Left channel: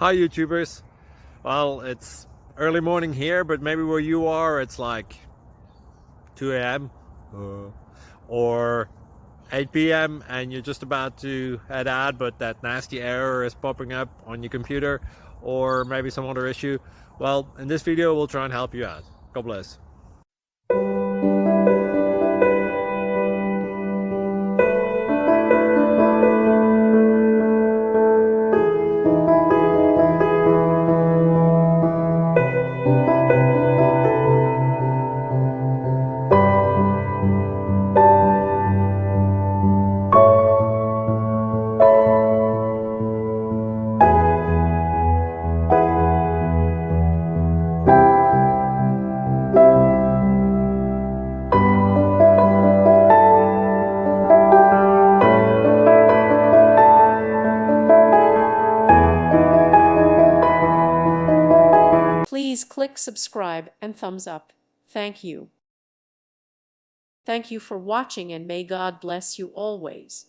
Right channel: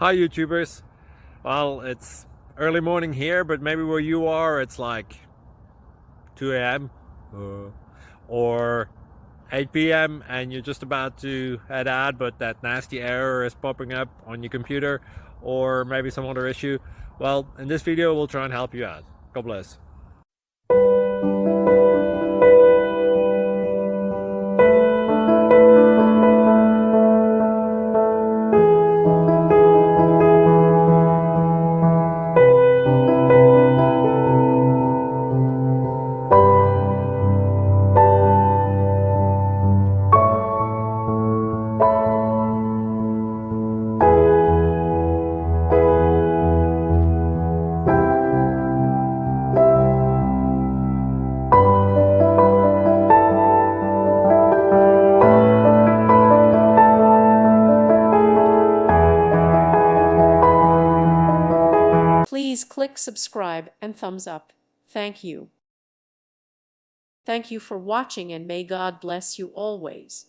Hi YouTubers. Well, it's early morning here, but maybe where you are it's like 2 a.m. Or 8 p.m. and you're just about to head out, but that nasty error is popping up on your computer, or maybe some other issue. Well, in this video we'll try and help you out. God bless. Please click subscribe and thumbs up. Thank you. Thank you for watching, and may God bless you always.